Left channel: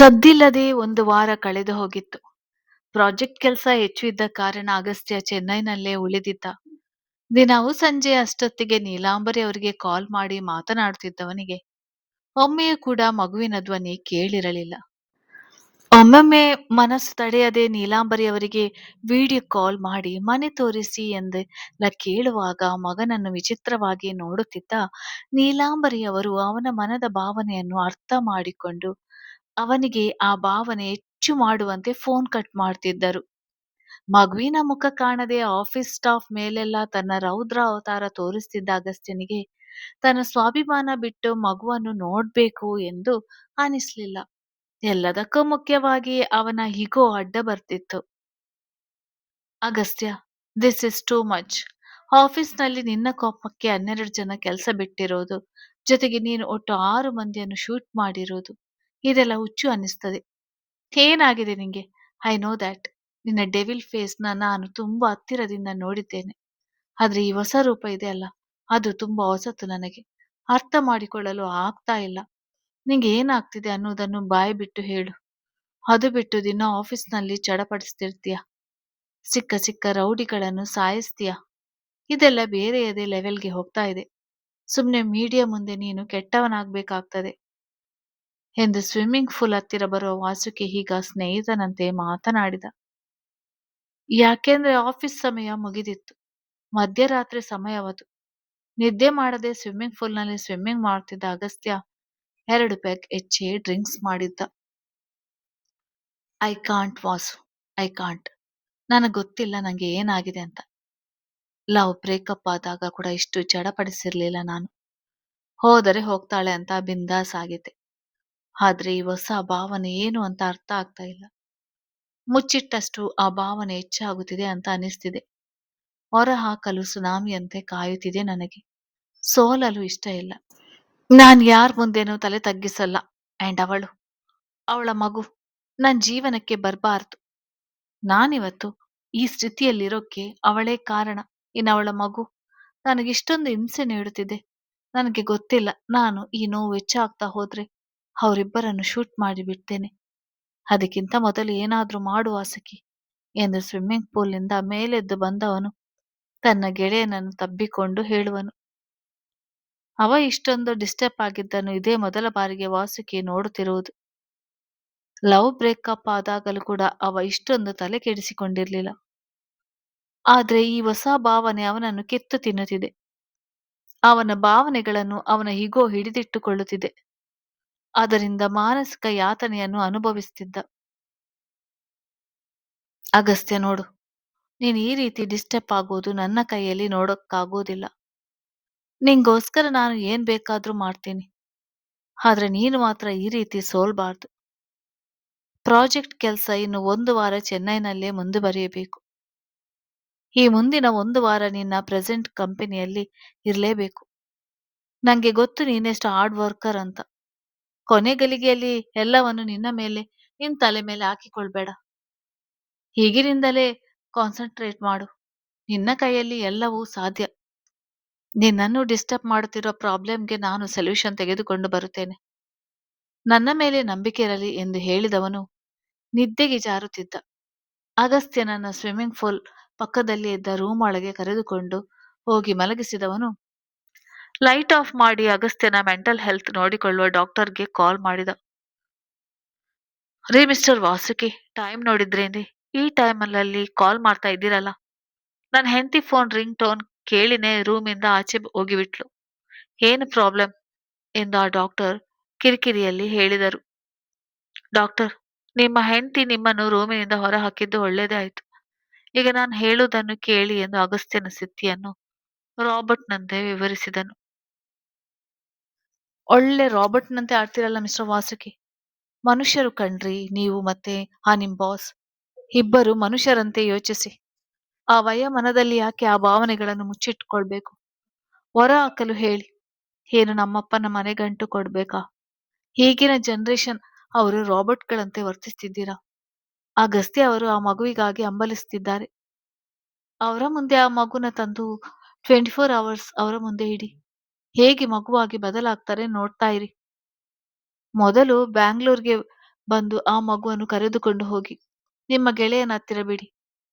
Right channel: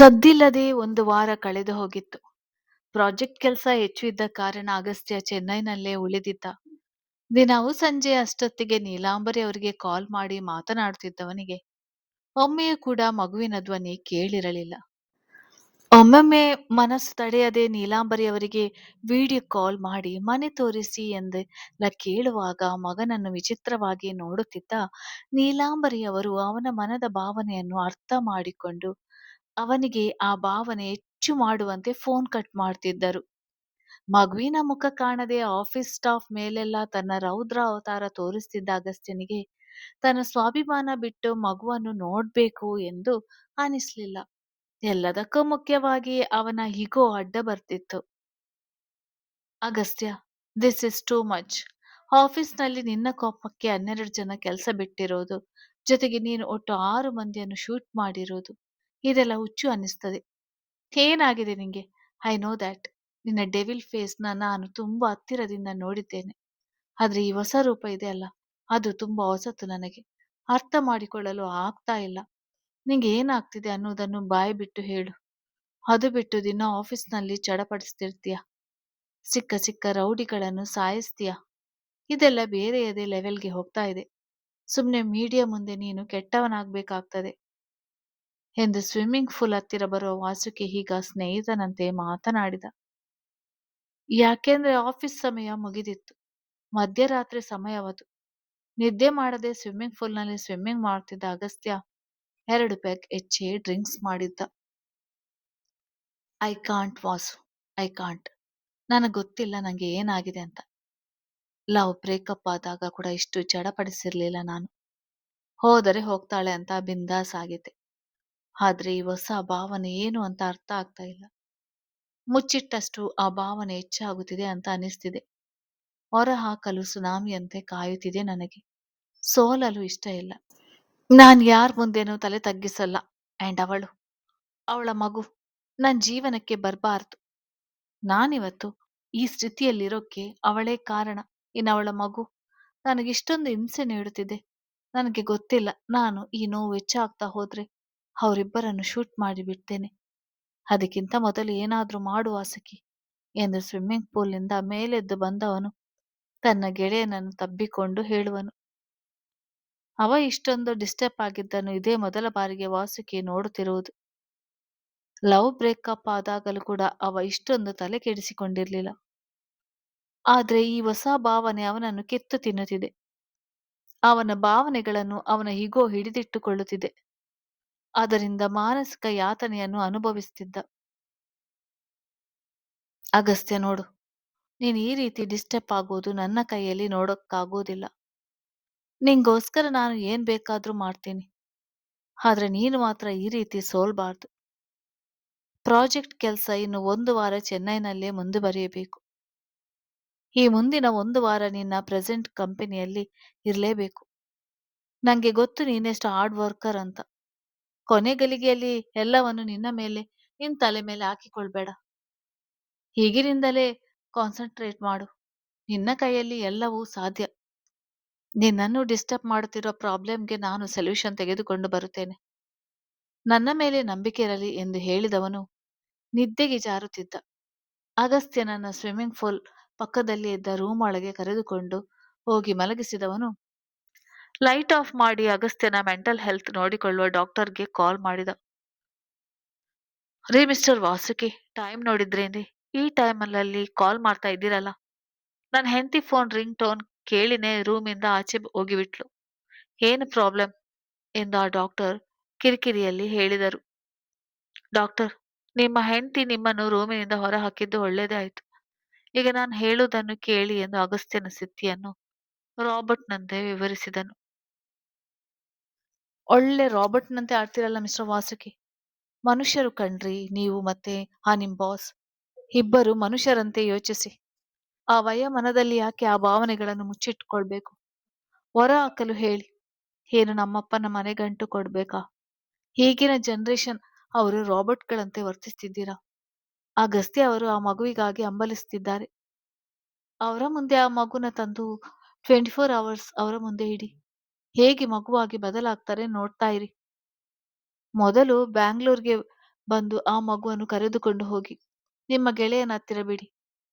ಸದ್ದಿಲ್ಲದೆ ಒಂದು ವಾರ ಕಳೆದು ಹೋಗಿತ್ತು. ಪ್ರಾಜೆಕ್ಟ್ ಕೆಲಸ ಹೆಚ್ಚು ಇದ್ದ ಕಾರಣ ಅಗಸ್ತ್ಯ ಚೆನ್ನೈನಲ್ಲೇ ಉಳಿದಿದ್ದ. ದಿನವೂ ಸಂಜೆ ಅಷ್ಟೊತ್ತಿಗೆ ನೀಲಾಂಬರಿ ಅವರಿಗೆ ಕಾಲ್ ಮಾಡಿ ಮಾತನಾಡುತ್ತಿದ್ದವನಿಗೆ ಒಮ್ಮೆಯೂ ಕೂಡ ಮಗುವಿನ ಧ್ವನಿ ಕೇಳಿರಲಿಲ್ಲ. ಒಮ್ಮೊಮ್ಮೆ ಮನಸ್ಸು ತಡೆಯದೆ ನೀಲಾಂಬರಿ ಅವರಿಗೆ ವಿಡಿಯೋ ಕಾಲ್ ಮಾಡಿ ಮನೆ ತೋರಿಸಿ ಎಂದೆಲ್ಲ ಕೇಳುವಾಗ ಮಗನನ್ನು ವಿಚಿತ್ರವಾಗಿ ನೋಡುತ್ತಿದ್ದ ನೀಲಾಂಬರಿ ಅವರು ಅವನ ಮನದ ಭಾವನೆಯನ್ನು ಅರ್ಥ ಮಾಡಿಕೊಂಡು ಅವನಿಗೆ ಆ ಭಾವನೆ ಹೆಚ್ಚು ಮಾಡುವಂತೆ ಫೋನ್ ಕಟ್ ಮಾಡ್ತಿದ್ದರು. ಮಗುವಿನ ಮುಖ ಕಾಣದೆ ಆಫೀಸ್ ಸ್ಟಾಫ್ ಮೇಲೆಲ್ಲ ತನ್ನ ರೌದ್ರ ಅವತಾರ ತೋರಿಸ್ತಿದ್ದ ಅಗಸ್ತ್ಯನಿಗೆ ತನ್ನ ಸ್ವಾಭಿಮಾನ ಬಿಟ್ಟು ಮಗುವನ್ನು ನೋಡ್ಬೇಕು ಎಂದು ಅನಿಸ್ಲಿಲ್ಲ. ಎಲ್ಲದಕ್ಕೂ ಮುಖ್ಯವಾಗಿ ಅವನ ಈಗೋ ಅಡ್ಡ ಬರ್ತಿತ್ತು. Agastya, this is too much. ಆಫೀಸ್ನಲ್ಲಿ ನಿನ್ನ ಕೋಪಕ್ಕೆ 12 ಜನ ಕೆಲಸ ಬಿಟ್ಟಿರೋದು, ಜೊತೆಗೆ ನೀನು ಒಟ್ಟು 6 ಮಂದಿಯನ್ನು ಶೂಟ್ ಮಾಡಿರೋದು, ಇದೆಲ್ಲ ಹುಚ್ಚು ಅನ್ನಿಸ್ತದೆ. ಏನಾಗಿದೆ ನಿಂಗೆ? I know that. ನಿನ್ನ ಡೆವಿಲ್ ಫೇಸ್ನ ನಾನು ತುಂಬಾ ಹತ್ತಿರದಿಂದ ನೋಡಿದ್ದೇನೆ. ಆದ್ರೆ ಈ ಹೊಸ ರೂಪ ಇದೆ ಅಲ್ಲ, ಅದು ತುಂಬಾ ಹೊಸತು ನನಗೆ. ಅರ್ಥ ಮಾಡಿಕೊಳ್ಳಲು ಆಗ್ತಾ ಇಲ್ಲ. ನಿಂಗೆ ಏನಾಗ್ತಿದೆ ಅನ್ನೋದನ್ನು ಬಾಯಿ ಬಿಟ್ಟು ಹೇಳು. ಅದು ಬಿಟ್ಟು ದಿನ ಆಫೀಸ್ನಲ್ಲಿ ಚಡಪಡಿಸ್ತಿರ್ತೀಯ. ಸಿಕ್ಕ ಸಿಕ್ಕ ರೌಡಿಗಳನ್ನು ಸಾಯಿಸ್ತೀಯ. ಇದೆಲ್ಲ ಬೇರೆಯದೇ ಲೆವೆಲ್ಗೆ ಹೋಗ್ತಾ ಇದೆ. ಸುಮ್ನೆ ಮೀಡಿಯಾ ಮುಂದೆ ನೀನು ಕೆಟ್ಟವನಾಗ್ಬೇಕಾಗ್ತದೆ ಎಂದು ಸ್ವಿಮ್ಮಿಂಗ್ ಪೂಲ್ ಹತ್ತಿರ ಬರುವ ವಾಸುಕಿ ಈಗ ಸ್ನೇಹಿತನಂತೆ ಮಾತನಾಡಿದ. ಯಾಕೆಂದ್ರೆ ಆಫೀಸ್ ಸಮಯ ಮುಗಿದಿತ್ತು. ಮಧ್ಯರಾತ್ರಿ ಸಮಯವದು. ನಿದ್ದೆ ಮಾಡದೆ ಸ್ವಿಮ್ಮಿಂಗ್ ಪೂಲ್ನಲ್ಲಿ ಸ್ವಿಮ್ಮಿಂಗ್ ಮಾಡ್ತಿದ್ದ ಅಗಸ್ತ್ಯ 2 ಪೆಗ್ ಹೆಚ್ಚೇ ಡ್ರಿಂಕ್ಸ್ ಮಾಡಿದ್ದ. I can't Vasu, I can't. ನನಗೆ ಗೊತ್ತಿಲ್ಲ ನಂಗೆ ಏನಾಗಿದೆ ಅಂತ. ಲವ್ ಬ್ರೇಕಪ್ ಆದಾಗ ಕೂಡ ಇಷ್ಟು ಚಡಪಡಿಸಿರ್ಲಿಲ್ಲ ನಾನು. ಹೋದರೆ ಹೋಗ್ತಾಳೆ ಅಂತ ಬಿಂದಾಸ್ ಆಗಿದ್ದೆ. ಆದ್ರೆ ಈ ಹೊಸ ಭಾವನೆ ಏನು ಅಂತ ಅರ್ಥ ಆಗ್ತಾ ಇಲ್ಲ. ಮುಚ್ಚಿಟ್ಟಷ್ಟು ಆ ಭಾವನೆ ಹೆಚ್ಚಾಗುತ್ತಿದೆ ಅಂತ ಅನಿಸ್ತಿದೆ. ಹೊರ ಹಾಕಲು ಸುನಾಮಿಯಂತೆ ಕಾಯುತ್ತಿದೆ ನನಗೆ. ಸೋಲಲು ಇಷ್ಟ ಇಲ್ಲ. ನಾನ್ ಯಾರ್ ಮುಂದೆನೂ ತಲೆ ತಗ್ಗಿಸಲ್ಲ. ಅಂಡ್ ಅವಳ ಮಗು ನನ್ ಜೀವನಕ್ಕೆ ಬರಬಾರ್ದು. ನಾನಿವತ್ತು ಈ ಸ್ಥಿತಿಯಲ್ಲಿರೋಕ್ಕೆ ಅವಳೇ ಕಾರಣ. ಅವಳ ಮಗು ನನಗಿಷ್ಟೊಂದು ಹಿಂಸೆ ನೀಡುತ್ತಿದೆ. ನನಗೆ ಗೊತ್ತಿಲ್ಲ, ನಾನು ಈ ನೋವು ಹೆಚ್ಚಾಗ್ತಾ ಹೋದ್ರೆ ಅವರಿಬ್ಬರನ್ನು ಶೂಟ್ ಮಾಡಿ ಬಿಡ್ತೇನೆ. ಅದಕ್ಕಿಂತ ಮೊದಲು ಏನಾದ್ರೂ ಮಾಡು ವಾಸುಕಿ ಎಂದು ಸ್ವಿಮ್ಮಿಂಗ್ ಪೂಲ್ನಿಂದ ಮೇಲೆದ್ದು ಬಂದವನು ತನ್ನ ಗೆಳೆಯನನ್ನು ತಬ್ಬಿಕೊಂಡು ಹೇಳುವನು. ಅವ ಇಷ್ಟೊಂದು ಡಿಸ್ಟರ್ಬ್ ಆಗಿದ್ದನ್ನು ಇದೇ ಮೊದಲ ಬಾರಿಗೆ ವಾಸುಕಿ ನೋಡುತ್ತಿರುವುದು. ಲವ್ ಬ್ರೇಕಪ್ ಆದಾಗಲೂ ಕೂಡ ಅವ ಇಷ್ಟೊಂದು ತಲೆ ಕೆಡಿಸಿಕೊಂಡಿರ್ಲಿಲ್ಲ. ಆದ್ರೆ ಈ ಹೊಸ ಭಾವನೆ ಅವನನ್ನು ಕಿತ್ತು ತಿನ್ನುತ್ತಿದೆ. ಅವನ ಭಾವನೆಗಳನ್ನು ಅವನ ಈಗೋ ಹಿಡಿದಿಟ್ಟುಕೊಳ್ಳುತ್ತಿದೆ. ಅದರಿಂದ ಮಾನಸಿಕ ಯಾತನೆಯನ್ನು ಅನುಭವಿಸುತ್ತಿದ್ದ. ಅಗಸ್ತ್ಯ ನೋಡು, ನೀನು ಈ ರೀತಿ ಡಿಸ್ಟರ್ಬ್ ಆಗೋದು ನನ್ನ ಕೈಯಲ್ಲಿ ನೋಡೋಕ್ಕಾಗೋದಿಲ್ಲ. ನಿಂಗೋಸ್ಕರ ನಾನು ಏನ್ ಬೇಕಾದ್ರೂ ಮಾಡ್ತೀನಿ. ಆದ್ರೆ ನೀನು ಮಾತ್ರ ಈ ರೀತಿ ಸೋಲ್ಬಾರ್ದು. ಪ್ರಾಜೆಕ್ಟ್ ಕೆಲಸ ಇನ್ನು 1 ವಾರ ಚೆನ್ನೈನಲ್ಲೇ ಮುಂದುವರಿಯಬೇಕು. ಈ ಮುಂದಿನ 1 ವಾರ ನಿನ್ನ ಪ್ರೆಸೆಂಟ್ ಕಂಪನಿಯಲ್ಲಿ ಇರಲೇಬೇಕು. ನಂಗೆ ಗೊತ್ತು ನೀನೆಷ್ಟು ಹಾರ್ಡ್ ವರ್ಕರ್ ಅಂತ. ಕೊನೆ ಗಳಿಗೆಯಲ್ಲಿ ಎಲ್ಲವನ್ನು ನಿನ್ನ ತಲೆ ಮೇಲೆ ಹಾಕಿಕೊಳ್ಬೇಡ. ಈಗಿನಿಂದಲೇ ಕಾನ್ಸಂಟ್ರೇಟ್ ಮಾಡು. ನಿನ್ನ ಕೈಯಲ್ಲಿ ಎಲ್ಲವೂ ಸಾಧ್ಯ. ನಿನ್ನನ್ನು ಡಿಸ್ಟರ್ಬ್ ಮಾಡುತ್ತಿರೋ ಪ್ರಾಬ್ಲಮ್ಗೆ ನಾನು ಸೊಲ್ಯೂಷನ್ ತೆಗೆದುಕೊಂಡು ಬರುತ್ತೇನೆ. ನನ್ನ ಮೇಲೆ ನಂಬಿಕೆ ಇರಲಿ ಎಂದು ಹೇಳಿದವನು ನಿದ್ದೆಗೆ ಜಾರುತ್ತಿದ್ದ. ಅಗಸ್ತ್ಯನನ್ನ ಸ್ವಿಮ್ಮಿಂಗ್ ಪೂಲ್ ಪಕ್ಕದಲ್ಲಿ ಇದ್ದ ರೂಮ್ ಒಳಗೆ ಕರೆದುಕೊಂಡು ಹೋಗಿ ಮಲಗಿಸಿದವನು ಲೈಟ್ ಆಫ್ ಮಾಡಿ ಅಗಸ್ತ್ಯನ ಮೆಂಟಲ್ ಹೆಲ್ತ್ ನೋಡಿಕೊಳ್ಳುವ ಡಾಕ್ಟರ್ಗೆ ಕಾಲ್ ಮಾಡಿದ. ರೀ ಮಿಸ್ಟರ್ ವಾಸುಕಿ, ಟೈಮ್ ನೋಡಿದ್ರೇನ್ರಿ? ಈ ಟೈಮಲ್ಲಿ ಕಾಲ್ ಮಾಡ್ತಾ ಇದ್ದೀರಲ್ಲ. ನನ್ನ ಹೆಂಡತಿ ಫೋನ್ ರಿಂಗ್ ಟೋನ್ ಕೇಳಿನೇ ರೂಮಿಂದ ಆಚೆ ಹೋಗಿಬಿಟ್ಲು. ಏನು ಪ್ರಾಬ್ಲಮ್ ಎಂದು ಆ ಡಾಕ್ಟರ್ ಕಿರಿಕಿರಿಯಲ್ಲಿ ಹೇಳಿದರು. ಡಾಕ್ಟರ್, ನಿಮ್ಮ ಹೆಂಡತಿ ನಿಮ್ಮನ್ನು ರೂಮಿನಿಂದ ಹೊರ ಹಾಕಿದ್ದು ಒಳ್ಳೇದೇ ಆಯ್ತು. ಈಗ ನಾನು ಹೇಳುವುದನ್ನು ಕೇಳಿ ಎಂದು ಅಗಸ್ತ್ಯನ ಸ್ಥಿತಿಯನ್ನು ರಾಬರ್ಟ್ನಂತೆ ವಿವರಿಸಿದನು. ಒಳ್ಳೆ ರಾಬರ್ಟ್ನಂತೆ ಆಡ್ತಿರಲ್ಲ ಮಿಸ್ಟರ್ ವಾಸುಕಿ. ಮನುಷ್ಯರು ಕಣ್ರಿ ನೀವು ಮತ್ತೆ ಆ ನಿಮ್ ಬಾಸ್. ಇಬ್ಬರು ಮನುಷ್ಯರಂತೆ ಯೋಚಿಸಿ. ಆ ಮನದಲ್ಲಿ ಯಾಕೆ ಆ ಭಾವನೆಗಳನ್ನು ಮುಚ್ಚಿಟ್ಕೊಳ್ಬೇಕು? ಹೊರ ಹಾಕಲು ಹೇಳಿ. ಏನು ನಮ್ಮಪ್ಪನ ಮನೆಗಂಟು ಕೊಡ್ಬೇಕಾ? ಈಗಿನ ಜನರೇಷನ್ ಅವರು ರಾಬರ್ಟ್ಗಳಂತೆ ವರ್ತಿಸ್ತಿದ್ದೀರಾ? ಅಗಸ್ತ್ಯ ಅವರು ಆ ಮಗುವಿಗಾಗಿ ಹಂಬಲಿಸ್ತಿದ್ದಾರೆ. ಅವರ ಮುಂದೆ ಆ ಮಗುನ ತಂದು 24 ಅವರ್ಸ್ ಅವರ ಮುಂದೆ ಇಡಿ. ಹೇಗೆ ಮಗುವಾಗಿ ಬದಲಾಗ್ತಾರೆ ನೋಡ್ತಾ ಇರಿ. ಮೊದಲು ಬ್ಯಾಂಗ್ಳೂರ್ಗೆ ಬಂದು ಆ ಮಗುವನ್ನು ಕರೆದುಕೊಂಡು ಹೋಗಿ ನಿಮ್ಮ ಗೆಳೆಯನ ಹತ್ತಿರ ಬಿಡಿ.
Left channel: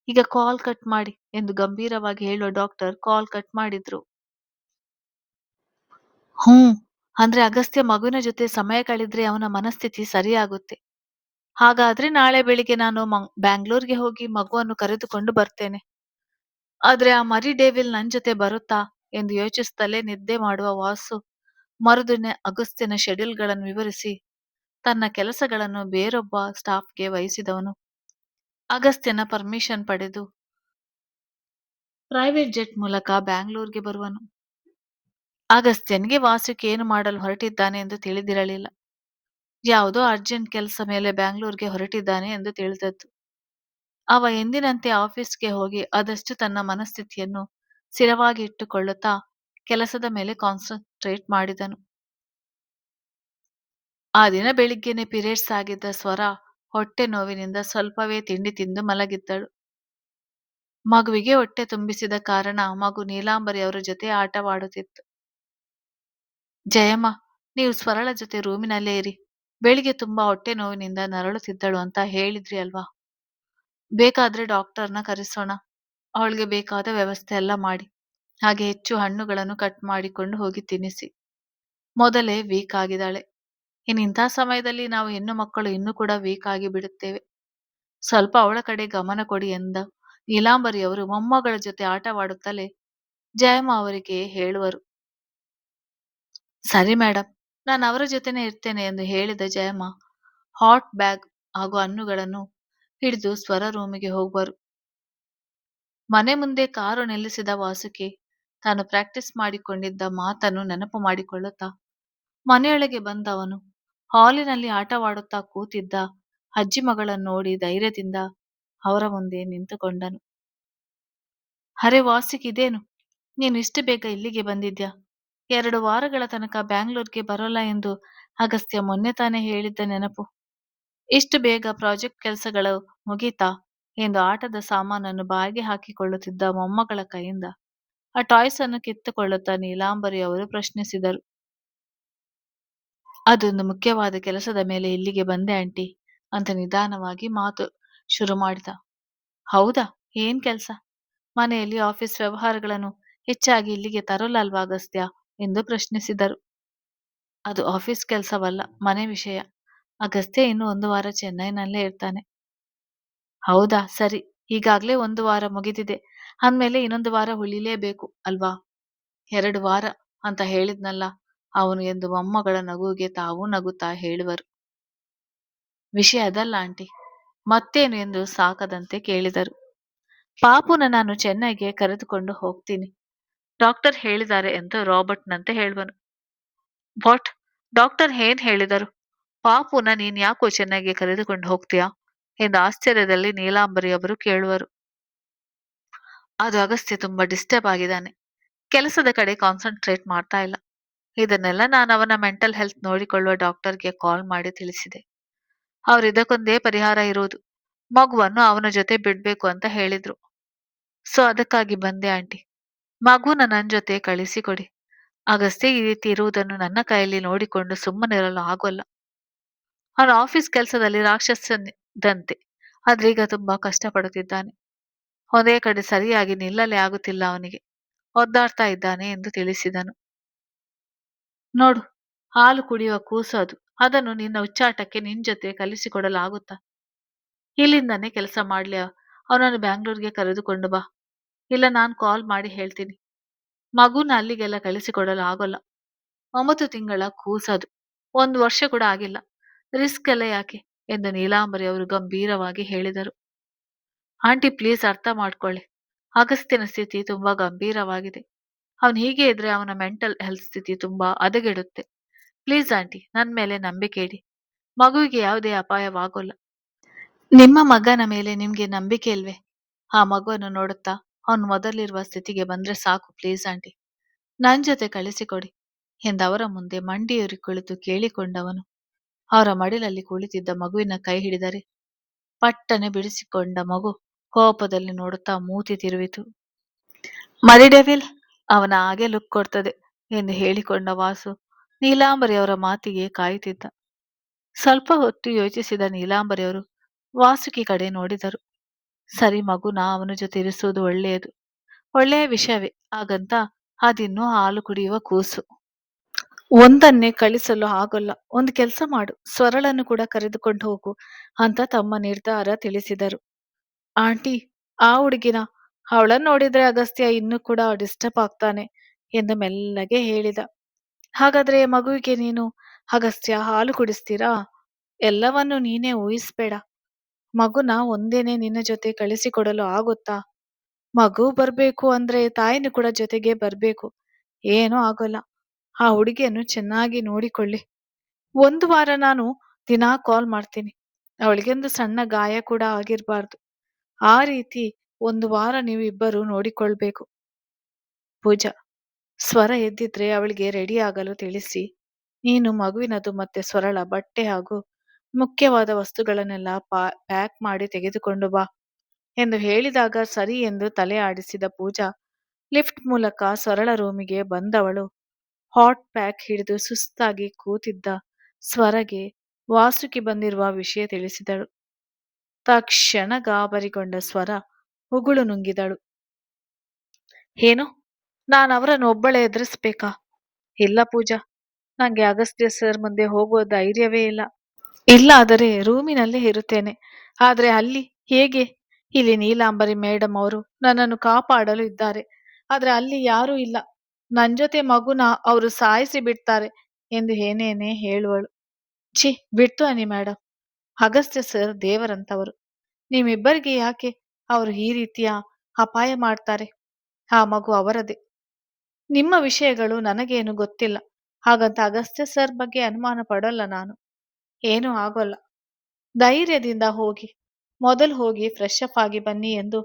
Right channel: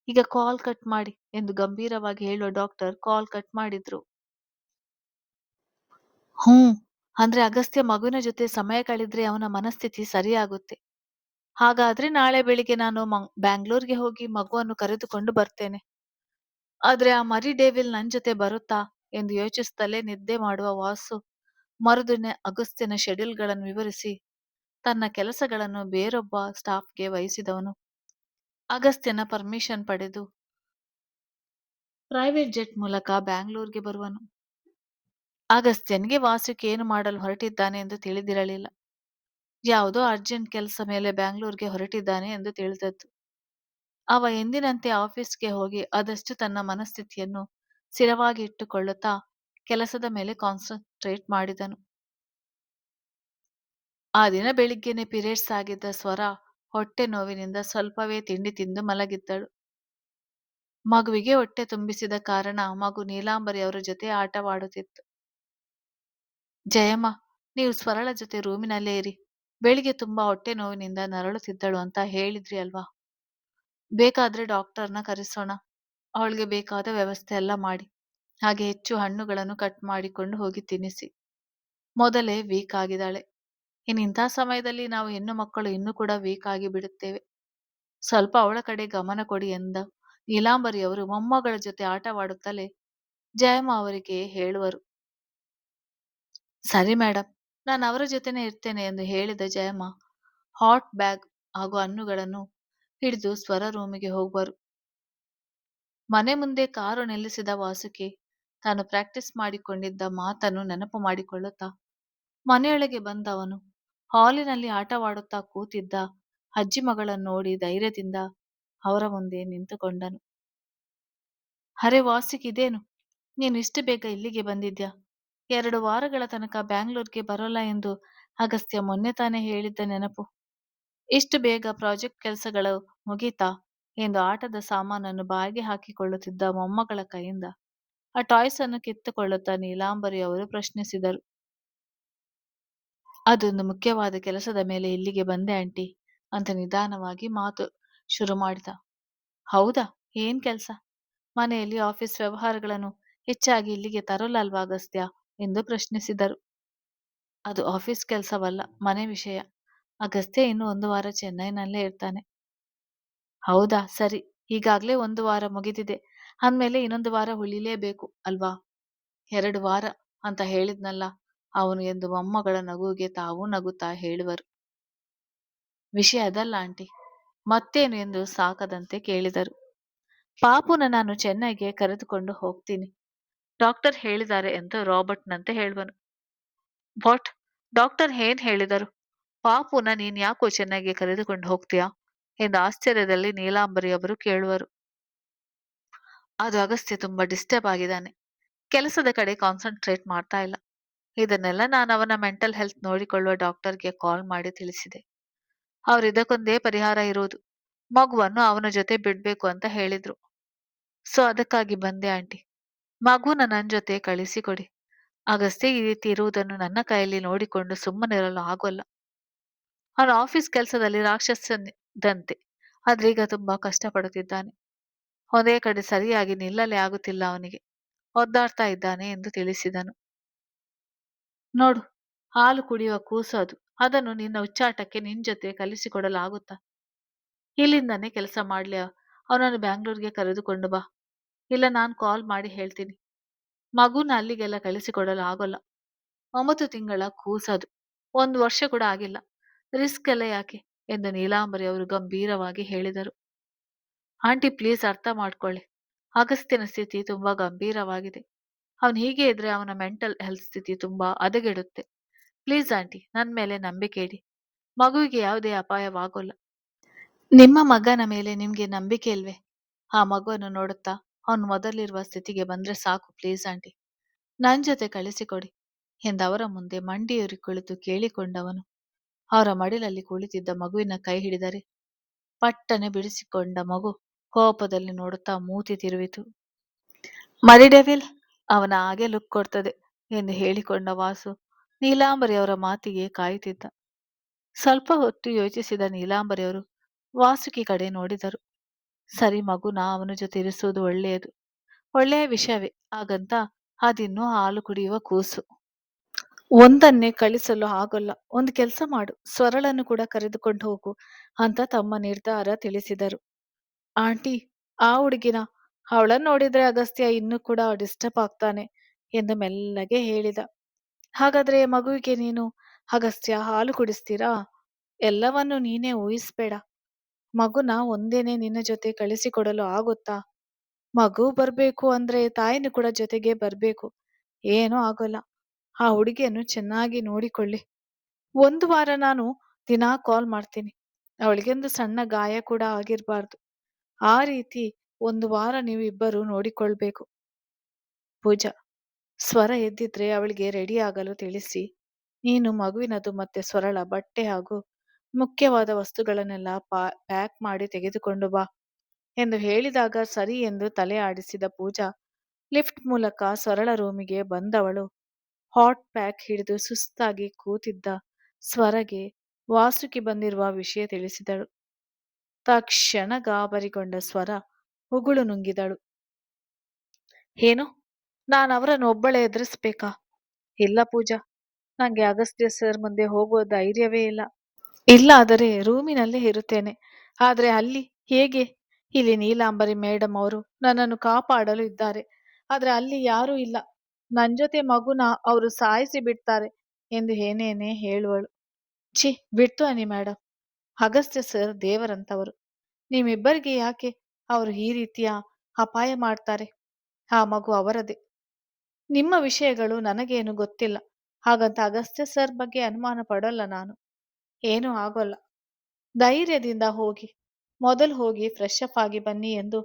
ಈಗ ಕಾಲ್ ಕಟ್ ಮಾಡಿ ಎಂದು ಗಂಭೀರವಾಗಿ ಹೇಳುವ ಡಾಕ್ಟರ್ ಕಾಲ್ ಕಟ್ ಮಾಡಿದ್ರು. ಹ್ಮ್. ಅಂದ್ರೆ ಅಗಸ್ತ್ಯ ಮಗುವಿನ ಜೊತೆ ಸಮಯ ಕಳೆದ್ರೆ ಅವನ ಮನಸ್ಥಿತಿ ಸರಿಯಾಗುತ್ತೆ. ಹಾಗಾದ್ರೆ ನಾಳೆ ಬೆಳಿಗ್ಗೆ ನಾನು ಬ್ಯಾಂಗ್ಳೂರ್ಗೆ ಹೋಗಿ ಮಗುವನ್ನು ಕರೆದುಕೊಂಡು ಬರ್ತೇನೆ. ಆದ್ರೆ ಆ ಮರಿ ಡೇವಿಲ್ ನನ್ ಜೊತೆ ಬರುತ್ತಾ ಎಂದು ಯೋಚಿಸುತ್ತಲೇ ನಿದ್ದೆ ಮಾಡುವ ವಾಸು ಮರುದಿನ ಅಗಸ್ತ್ಯನ ಶೆಡ್ಯೂಲ್ಗಳನ್ನು ವಿವರಿಸಿ ತನ್ನ ಕೆಲಸಗಳನ್ನು ಬೇರೊಬ್ಬ ಸ್ಟಾಫ್‌ಗೆ ವಹಿಸಿದವನು. ಅಗಸ್ತ್ಯನ ಪರ್ಮಿಷನ್ ಪಡೆದು ಪ್ರೈವೇಟ್ ಜೆಟ್ ಮೂಲಕ ಬ್ಯಾಂಗ್ಳೂರ್ಗೆ ಬರುವನು. ಅಗಸ್ತ್ಯನಿಗೆ ವಾಸುಕಿ ಏನು ಮಾಡಲು ಹೊರಟಿದ್ದಾನೆ ಎಂದು ತಿಳಿದಿರಲಿಲ್ಲ. ಯಾವುದೋ ಅರ್ಜೆಂಟ್ ಕೆಲಸ ಮೇಲೆ ಬ್ಯಾಂಗ್ಳೂರ್ಗೆ ಹೊರಟಿದ್ದಾನೆ ಎಂದು ತಿಳಿದದ್ದು. ಅವ ಎಂದಿನಂತೆ ಆಫೀಸ್‌ಗೆ ಹೋಗಿ ಆದಷ್ಟು ತನ್ನ ಮನಸ್ಥಿತಿಯನ್ನು ಸ್ಥಿರವಾಗಿ ಇಟ್ಟುಕೊಳ್ಳುತ್ತಾ ಕೆಲಸದ ಮೇಲೆ ಕಾನ್ಸಂಟ್ರೇಟ್ ಮಾಡಿದನು. ಆ ದಿನ ಬೆಳಿಗ್ಗೆನೆ ಪೀರಿಯಡ್ಸ್ ಆಗಿದ್ದ ಸ್ವರ ಹೊಟ್ಟೆ ನೋವಿನಿಂದ ಸ್ವಲ್ಪವೇ ತಿಂಡಿ ತಿಂದು ಮಲಗಿದ್ದಳು. ಮಗುವಿಗೆ ಹೊಟ್ಟೆ ತುಂಬಿಸಿದ ಕಾರಣ ಮಗು ನೀಲಾಂಬರಿ ಅವರ ಜೊತೆ ಆಟವಾಡುತ್ತಿತ್ತು. ಜಯಮ್ಮ, ನೀವು ಸ್ವರಳ ಜೊತೆ ರೂಮಿನಲ್ಲೇ ಇರಿ. ಬೆಳಿಗ್ಗೆ ತುಂಬಾ ಹೊಟ್ಟೆ ನೋವಿನಿಂದ ನರಳುತ್ತಿದ್ದಳು ಅಂತ ಹೇಳಿದ್ರಿ ಅಲ್ವಾ? ಬೇಕಾದ್ರೆ ಡಾಕ್ಟರ್ನ ಕರೆಸೋಣ. ಅವಳಿಗೆ ಬೇಕಾದ ವ್ಯವಸ್ಥೆ ಎಲ್ಲ ಮಾಡಿ. ಹಾಗೆ ಹೆಚ್ಚು ಹಣ್ಣುಗಳನ್ನು ಕಟ್ ಮಾಡಿಕೊಂಡು ಹೋಗಿ ತಿನ್ನಿಸಿ. ಮೊದಲೇ ವೀಕ್ ಆಗಿದ್ದಾಳೆ. ಇನ್ನಿಂಥ ಸಮಯದಲ್ಲಿ ನಾವು ಹೆಣ್ಣು ಮಕ್ಕಳು ಇನ್ನೂ ಕೂಡ ವೀಕ್ ಆಗಿ ಬಿಡುತ್ತೇವೆ. ಸ್ವಲ್ಪ ಅವಳ ಕಡೆ ಗಮನ ಕೊಡಿ ಎಂದ ನೀಲಾಂಬರಿಯವರು ಮೊಮ್ಮಗಳ ಜೊತೆ ಆಟವಾಡುತ್ತಲೇ ಜಯಮ್ಮ ಅವರಿಗೆ ಹೇಳುವರು. ಸರಿ ಮೇಡಮ್, ನಾನು ಅವರ ಜೊತೆನೆ ಇರ್ತೇನೆ ಎಂದು ಹೇಳಿದ ಜಯಮ್ಮ ಹಾಟ್ ಬ್ಯಾಗ್ ಹಾಗೂ ಹಣ್ಣುಗಳನ್ನು ಹಿಡಿದು ಸ್ವರ ರೂಮಿಗೆ ಹೋಗುವರು. ಮನೆ ಮುಂದೆ ಕಾರು ನಿಲ್ಲಿಸಿದ ವಾಸುಕಿ ತಾನು ಪ್ರಾಕ್ಟೀಸ್ ಮಾಡಿಕೊಂಡಿದ್ದ ಮಾತನ್ನು ನೆನಪು ಮಾಡಿಕೊಳ್ಳುತ್ತಾ ಮನೆಯೊಳಗೆ ಬಂದವನು ಹಾಲಿನಲ್ಲಿ ಆಟವಾಡುತ್ತಾ ಕೂತಿದ್ದ ಅಜ್ಜಿ ಮಗಳನ್ನು ನೋಡಿ ಧೈರ್ಯದಿಂದ ಅವರ ಮುಂದೆ ನಿಂತುಕೊಂಡನು. ಅರೆ ವಾಸುಕಿ, ಇದೇನು ನೀನು ಇಷ್ಟು ಬೇಗ ಇಲ್ಲಿಗೆ ಬಂದಿದ್ಯಾ? 2 ವಾರಗಳ ತನಕ ಬ್ಯಾಂಗ್ಳೂರ್ಗೆ ಬರೋಲ್ಲ ಎಂದು ಅಗಸ್ತ್ಯ ಮೊನ್ನೆ ತಾನೇ ಹೇಳಿದ್ದ ನೆನಪು. ಇಷ್ಟು ಬೇಗ ಪ್ರಾಜೆಕ್ಟ್ ಕೆಲಸಗಳು ಮುಗೀತಾ ಎಂದು ಆಟದ ಸಾಮಾನನ್ನು ಬಾಯಿಗೆ ಹಾಕಿಕೊಳ್ಳುತ್ತಿದ್ದ ಮೊಮ್ಮಗಳ ಕೈಯಿಂದ ಆ ಟಾಯ್ಸ್ ಅನ್ನು ಕಿತ್ತುಕೊಳ್ಳುತ್ತಾ ನೀಲಾಂಬರಿ ಅವರು ಪ್ರಶ್ನಿಸಿದರು. ಅದೊಂದು ಮುಖ್ಯವಾದ ಕೆಲಸದ ಮೇಲೆ ಇಲ್ಲಿಗೆ ಬಂದೆ ಆಂಟಿ ಅಂತ ನಿಧಾನವಾಗಿ ಮಾತು ಶುರು ಮಾಡಿದ. ಹೌದಾ, ಏನ್ ಕೆಲ್ಸ? ಮನೆಯಲ್ಲಿ ಆಫೀಸ್ ವ್ಯವಹಾರಗಳನ್ನು ಹೆಚ್ಚಾಗಿ ಇಲ್ಲಿಗೆ ತರಲ್ಲಲ್ವಾ ಅಗಸ್ತ್ಯ ಎಂದು ಪ್ರಶ್ನಿಸಿದರು. ಅದು ಆಫೀಸ್ ಕೆಲಸವಲ್ಲ, ಮನೆ ವಿಷಯ. ಅಗಸ್ತ್ಯ ಇನ್ನು 1 ವಾರ ಚೆನ್ನೈನಲ್ಲೇ ಇರ್ತಾನೆ. ಹೌದಾ, ಸರಿ. ಈಗಾಗ್ಲೇ 1 ವಾರ ಮುಗಿದಿದೆ ಅಂದ್ಮೇಲೆ ಇನ್ನೊಂದು ವಾರ ಉಳಿಲೇಬೇಕು ಅಲ್ವಾ? 2 ವಾರ ಅಂತ ಹೇಳಿದ್ನಲ್ಲ ಅವನು ಎಂದು ಮೊಮ್ಮಗಳ ನಗುವಿಗೆ ತಾವೂ ನಗುತ್ತಾ ಹೇಳುವರು. ವಿಷಯ ಅದಲ್ಲ ಆಂಟಿ. ಮತ್ತೇನು ಎಂದು ಸಾಕದಂತೆ ಕೇಳಿದರು. ಪಾಪುನ ನಾನು ಚೆನ್ನೈಗೆ ಕರೆದುಕೊಂಡು ಹೋಗ್ತೀನಿ. ಡಾಕ್ಟರ್ ಹೇಳಿದ್ದಾರೆ ಎಂದು ರಾಬರ್ಟ್‌ನಂತೆ ಹೇಳುವನು. ವಾಟ್? ಡಾಕ್ಟರ್ ಏನ್ ಹೇಳಿದರು? ಪಾಪುನ ನೀನ್ ಯಾಕೋ ಚೆನ್ನೈಗೆ ಕರೆದುಕೊಂಡು ಹೋಗ್ತೀಯಾ ಎಂದು ಆಶ್ಚರ್ಯದಲ್ಲಿ ನೀಲಾಂಬರಿ ಅವರು ಕೇಳುವರು. ಅದು ಅಗಸ್ತ್ಯ ತುಂಬಾ ಡಿಸ್ಟರ್ಬ್ ಆಗಿದ್ದಾನೆ. ಕೆಲಸದ ಕಡೆ ಕಾನ್ಸಂಟ್ರೇಟ್ ಮಾಡ್ತಾ ಇಲ್ಲ. ಇದನ್ನೆಲ್ಲ ನಾನು ಅವನ ಮೆಂಟಲ್ ಹೆಲ್ತ್ ನೋಡಿಕೊಳ್ಳುವ ಡಾಕ್ಟರ್ಗೆ ಕಾಲ್ ಮಾಡಿ ತಿಳಿಸಿದೆ. ಅವ್ರು ಇದಕ್ಕೊಂದೇ ಪರಿಹಾರ ಇರೋದು. ಮಗುವನ್ನು ಅವನ ಜೊತೆ ಬಿಡ್ಬೇಕು ಅಂತ ಹೇಳಿದ್ರು. ಸೊ ಅದಕ್ಕಾಗಿ ಬಂದೆ ಆಂಟಿ. ಮಗುನ ನನ್ ಜೊತೆ ಕಳಿಸಿಕೊಡಿ. ಅಗಸ್ತ್ಯ ಈ ರೀತಿ ಇರುವುದನ್ನು ನನ್ನ ಕೈಯಲ್ಲಿ ನೋಡಿಕೊಂಡು ಸುಮ್ಮನಿರಲು ಆಗೋಲ್ಲ. ಅವನ ಆಫೀಸ್ ಕೆಲಸದಲ್ಲಿ ರಾಕ್ಷಸನಿದ್ದಂತೆ. ಆದ್ರೆ ಈಗ ತುಂಬಾ ಕಷ್ಟಪಡುತ್ತಿದ್ದಾನೆ. ಒಂದೇ ಕಡೆ ಸರಿಯಾಗಿ ನಿಲ್ಲಲೇ ಆಗುತ್ತಿಲ್ಲ ಅವನಿಗೆ. ಒದ್ದಾಡ್ತಾ ಇದ್ದಾನೆ ಎಂದು ತಿಳಿಸಿದನು. ನೋಡು, ಹಾಲು ಕುಡಿಯುವ ಕೂಸು ಅದು. ಅದನ್ನು ನಿನ್ನ ಹುಚ್ಚಾಟಕ್ಕೆ ನಿನ್ ಜೊತೆ ಕಲಿಸಿಕೊಡಲಾಗುತ್ತಾ? ಇಲ್ಲಿಂದಾನೇ ಕೆಲಸ ಮಾಡ್ಲಿ. ಅವನನ್ನು ಬ್ಯಾಂಗ್ಳೂರ್ಗೆ ಕರೆದುಕೊಂಡು ಬಾ. ಇಲ್ಲ ನಾನ್ ಕಾಲ್ ಮಾಡಿ ಹೇಳ್ತೀನಿ. ಮಗುನ ಅಲ್ಲಿಗೆಲ್ಲ ಕಳಿಸಿಕೊಡಲು ಆಗೋಲ್ಲ. 9 ತಿಂಗಳ ಕೂಸದು. 1 ವರ್ಷ ಕೂಡ ಆಗಿಲ್ಲ. ರಿಸ್ಕ್ ಎಲ್ಲ ಯಾಕೆ ಎಂದು ನೀಲಾಂಬರಿ ಅವರು ಗಂಭೀರವಾಗಿ ಹೇಳಿದರು. ಆಂಟಿ ಪ್ಲೀಸ್ ಅರ್ಥ ಮಾಡ್ಕೊಳ್ಳಿ. ಅಗಸ್ತ್ಯನ ಸ್ಥಿತಿ ತುಂಬಾ ಗಂಭೀರವಾಗಿದೆ. ಅವನು ಹೀಗೆ ಇದ್ರೆ ಅವನ ಮೆಂಟಲ್ ಹೆಲ್ತ್ ಸ್ಥಿತಿ ತುಂಬಾ ಹದಗೆಡುತ್ತೆ. ಪ್ಲೀಸ್ ಆಂಟಿ, ನನ್ ಮೇಲೆ ನಂಬಿಕೆ ಇಡಿ. ಮಗುವಿಗೆ ಯಾವುದೇ ಅಪಾಯವಾಗೋಲ್ಲ. ನಿಮ್ಮ ಮಗನ ಮೇಲೆ ನಿಮ್ಗೆ ನಂಬಿಕೆ ಇಲ್ವೇ? ಆ ಮಗುವನ್ನು ನೋಡುತ್ತಾ ಅವನು ಮೊದಲಿರುವ ಸ್ಥಿತಿಗೆ ಬಂದ್ರೆ ಸಾಕು ಪ್ಲೀಸ್ ಆಂಟಿ. ನನ್ ಜೊತೆ ಕಳಿಸಿಕೊಡಿ ಎಂದವರ ಮುಂದೆ ಮಂಡಿಯೂರಿ ಕುಳಿತು ಕೇಳಿಕೊಂಡವನು ಅವರ ಮಡಿಲಲ್ಲಿ ಕುಳಿತಿದ್ದ ಮಗುವಿನ ಕೈ ಹಿಡಿದರೆ ಪಟ್ಟನೆ ಬಿಡಿಸಿಕೊಂಡ ಮಗು ಕೋಪದಲ್ಲಿ ನೋಡುತ್ತಾ ಮೂತಿ ತಿರುವಿತು. ಮರಿ ಡೆವಿಲ್, ಅವನ ಹಾಗೆ ಲುಕ್ ಕೊಡ್ತದೆ ಎಂದು ಹೇಳಿಕೊಂಡ ವಾಸು ನೀಲಾಂಬರಿ ಅವರ ಮಾತಿಗೆ ಕಾಯುತ್ತಿದ್ದ. ಸ್ವಲ್ಪ ಹೊತ್ತು ಯೋಚಿಸಿದ ನೀಲಾಂಬರಿಯವರು ವಾಸುಕಿ ಕಡೆ ನೋಡಿದರು. ಸರಿ, ಮಗುನ ಅವನ ಜೊತೆ ಇರಿಸುವುದು ಒಳ್ಳೆಯದು. ಒಳ್ಳೆಯ ವಿಷಯವೇ. ಹಾಗಂತ ಅದಿನ್ನೂ ಹಾಲು ಕುಡಿಯುವ ಕೂಸು. ಒಂದನ್ನೇ ಕಳಿಸಲು ಆಗೋಲ್ಲ. ಒಂದು ಕೆಲಸ ಮಾಡು, ಸ್ವರಳನ್ನು ಕೂಡ ಕರೆದುಕೊಂಡು ಹೋಗು ಅಂತ ತಮ್ಮ ನಿರ್ಧಾರ ತಿಳಿಸಿದರು. ಆಂಟಿ, ಆ ಹುಡುಗಿನ, ಅವಳನ್ನು ನೋಡಿದ್ರೆ ಅಗಸ್ತ್ಯ ಇನ್ನೂ ಕೂಡ ಡಿಸ್ಟರ್ಬ್ ಆಗ್ತಾನೆ ಎಂದು ಮೆಲ್ಲಗೆ ಹೇಳಿದ. ಹಾಗಾದ್ರೆ ಮಗುವಿಗೆ ನೀನು ಅಗಸ್ತ್ಯ ಹಾಲು ಕುಡಿಸ್ತೀರಾ? ಎಲ್ಲವನ್ನು ನೀನೇ ಊಹಿಸ್ಬೇಡ. ಮಗುನ ಒಂದೇನೆ ನಿನ್ನ ಜೊತೆ ಕಳಿಸಿಕೊಡಲು ಆಗುತ್ತಾ? ಮಗು ಬರ್ಬೇಕು ಅಂದ್ರೆ ತಾಯಿನೂ ಕೂಡ ಜೊತೆಗೆ ಬರ್ಬೇಕು. ಏನೂ ಆಗೋಲ್ಲ. ಆ ಹುಡುಗಿಯನ್ನು ಚೆನ್ನಾಗಿ ನೋಡಿಕೊಳ್ಳಿ. ಒಂದು ವಾರ ನಾನು ದಿನಾ ಕಾಲ್ ಮಾಡ್ತೀನಿ. ಅವಳಿಗೊಂದು ಸಣ್ಣ ಗಾಯ ಕೂಡ ಆಗಿರ್ಬಾರ್ದು. ಆ ರೀತಿ ಒಂದು ವಾರ ನೀವು ಇಬ್ಬರು ನೋಡಿಕೊಳ್ಬೇಕು. ಪೂಜಾ, ಸ್ವರ ಎದ್ದಿದ್ರೆ ಅವಳಿಗೆ ರೆಡಿ ಆಗಲು ತಿಳಿಸಿ. ನೀನು ಮಗುವಿನದು ಮತ್ತೆ ಸ್ವರಳ ಬಟ್ಟೆ ಹಾಗೂ ಮುಖ್ಯವಾದ ವಸ್ತುಗಳನ್ನೆಲ್ಲ ಪ್ಯಾಕ್ ಮಾಡಿ ತೆಗೆದುಕೊಂಡು ಬಾ ಎಂದು ಹೇಳಿದಾಗ ಸರಿ ಎಂದು ತಲೆ ಆಡಿಸಿದ ಪೂಜಾ ಲಿಫ್ಟ್ ಮೂಲಕ ಸ್ವರಳ ರೂಮಿಗೆ ಬಂದವಳು ಹಾಟ್ ಪ್ಯಾಕ್ ಹಿಡಿದು ಸುಸ್ತಾಗಿ ಕೂತಿದ್ದ ಸ್ವರಗೆ ವಾಸುಕಿ ಬಂದಿರುವ ವಿಷಯ ತಿಳಿಸಿದಳು. ತಕ್ಷಣ ಗಾಬರಿಗೊಂಡ ಸ್ವರ ಉಗುಳು ನುಂಗಿದಳು. ಏನು, ನಾನು ಅವರನ್ನು ಒಬ್ಬಳೇ ಎದುರಿಸ್ಬೇಕಾ? ಇಲ್ಲ ಪೂಜಾ, ನಂಗೆ ಅಗಸ್ತ್ಯ ಸರ್ ಮುಂದೆ ಹೋಗುವ ಧೈರ್ಯವೇ ಇಲ್ಲ. ಇಲ್ಲಾದರೆ ರೂಮಿನಲ್ಲೇ ಇರುತ್ತೇನೆ. ಆದ್ರೆ ಅಲ್ಲಿ ಹೇಗೆ? ಇಲ್ಲಿ ನೀಲಾಂಬರಿ ಮೇಡಮ್ ಅವರು ನನ್ನನ್ನು ಕಾಪಾಡಲು ಇದ್ದಾರೆ. ಆದ್ರೆ ಅಲ್ಲಿ ಯಾರೂ ಇಲ್ಲ. ನನ್ ಜೊತೆ ಮಗುನ ಅವರು ಸಾಯಿಸಿ ಬಿಡ್ತಾರೆ ಎಂದು ಏನೇನೇ ಹೇಳುವಳು. ಛೀ, ಬಿಟ್ಟು ಅನ್ನಿ ಮೇಡಮ್. ಅಗಸ್ತ್ಯ ಸರ್ ದೇವರಂತವರು. ನಿಮ್ಮಿಬ್ಬರಿಗೆ ಯಾಕೆ ಅವರು ಈ ರೀತಿಯ ಅಪಾಯ ಮಾಡ್ತಾರೆ? ಆ ಮಗು ಅವರದೇ. ನಿಮ್ಮ ವಿಷಯಗಳು ನನಗೇನು ಗೊತ್ತಿಲ್ಲ. ಹಾಗಂತ ಅಗಸ್ತ್ಯ ಸರ್ ಬಗ್ಗೆ ಅನುಮಾನ ಪಡೋಲ್ಲ ನಾನು. ಏನೂ ಆಗೋಲ್ಲ. ಧೈರ್ಯದಿಂದ ಹೋಗಿ. ಮೊದಲು ಹೋಗಿ ಫ್ರೆಶ್ ಅಪ್ ಆಗಿ ಬನ್ನಿ ಎಂದು